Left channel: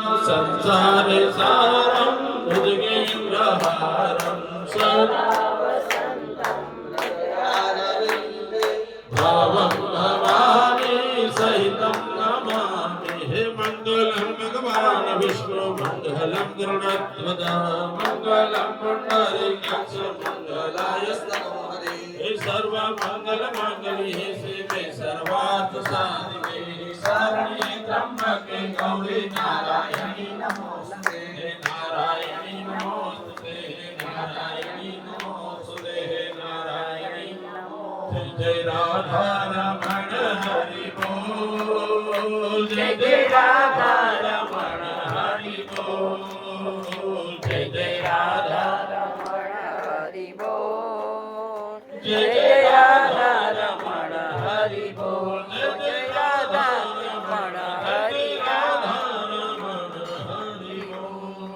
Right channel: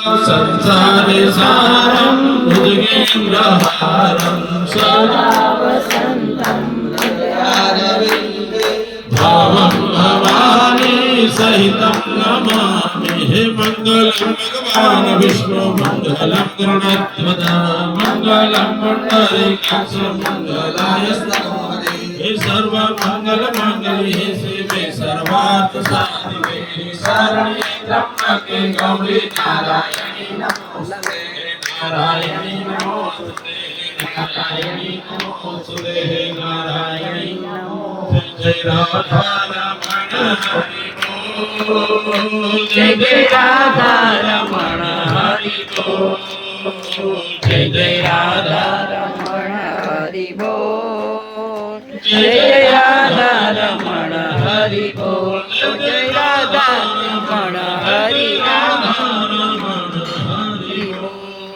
संसारे सारं भुजगेन्द्रहारं सदा वसन्तं हृदयारविन्दे भावं भवानी सहितं नमामि हे मङ्गलं भगवान् विष्णु मङ्गलं गरुडध्वजा मङ्गलं पुण्डरीकाक्ष मङ्गलाय स्तनोहरे हे सर्वमङ्गलमाङ्गल्ये शिवे सर्वार्थसाधिके शरण्ये त्र्यम्बके गौरी नारायणी नमोस्तुते नारायणी नमोस्तुते नारायणी नमोस्तुते नारायणी नमोस्तुते जय राधा रमण हरि बोल जय राधा रमण हरि बोल जय राधा रमण हरि बोल जय राधा रमण हरि बोल जय राधा रमण हरि राधा रमण हरि बोल